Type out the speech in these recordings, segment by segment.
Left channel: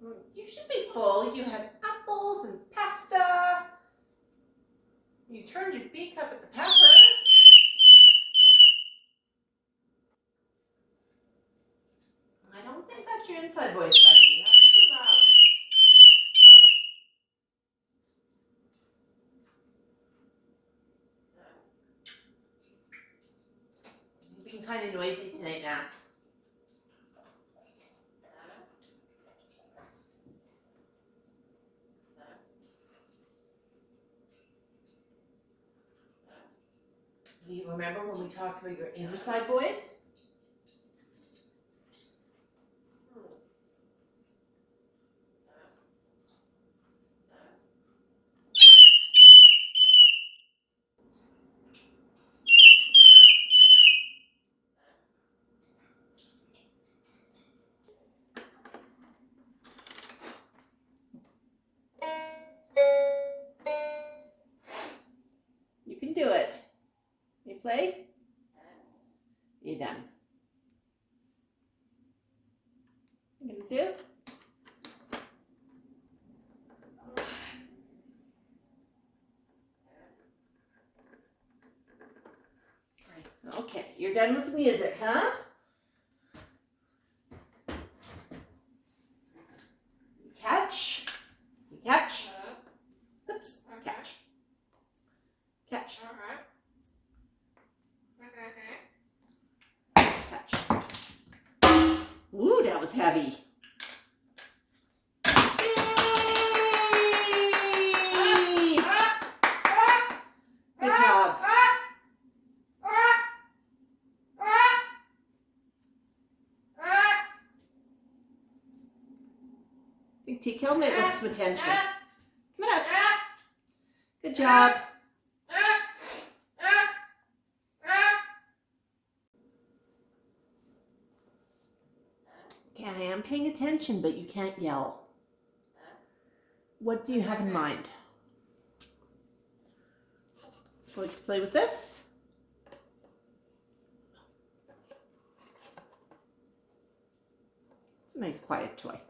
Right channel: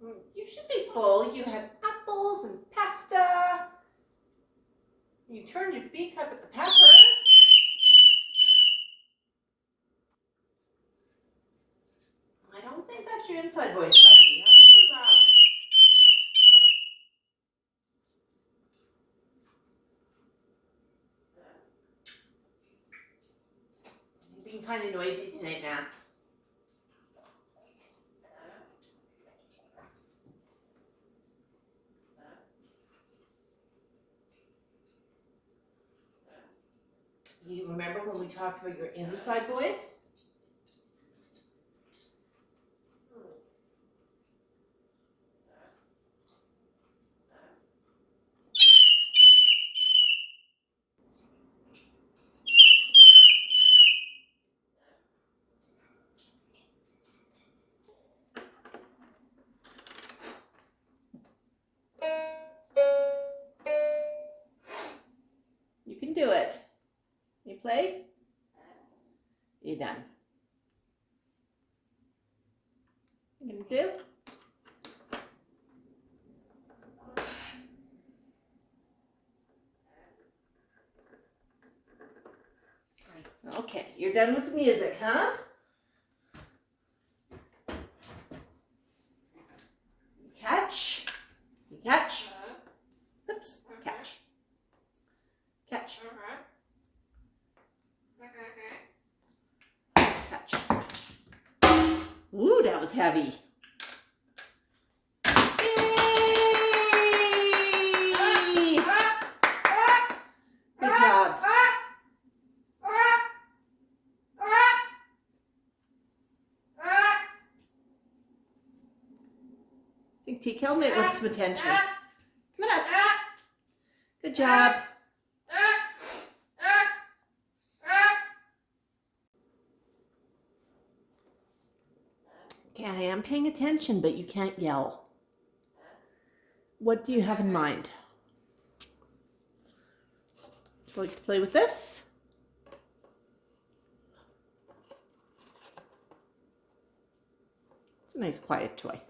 You should be full. You had apples and pasta. You turned your beak up at the pepper. I don't think that's your inside voice, buddy. That's too loud. You're being kind of noisy tonight, Max. Do you remember when we talked about your inside voice? You can do it. You play? You done? You gonna do? Okay, you're done with the music, huh? You catch. You catch. Oops. Catch. Catch. Catch. Ooh, that was heavy. Yay! Good job. I think T-Kel might want some attention. Come on up. Good job. Okay, I am paying attention, but you can't yell. What do you have in mind? Would you like to play with this? It's a nice quiet toy.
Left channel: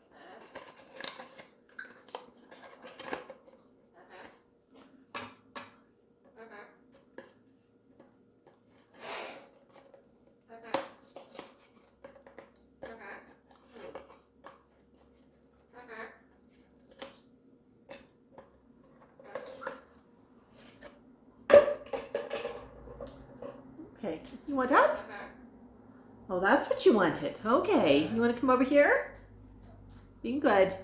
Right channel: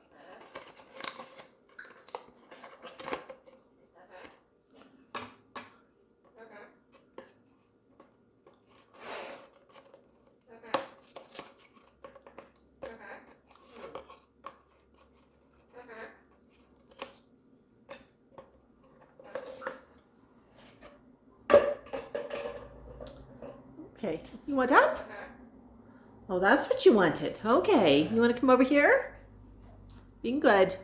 Okay, you want up? Oh, that's what you wanted. Okay, you want to come over here? Being good.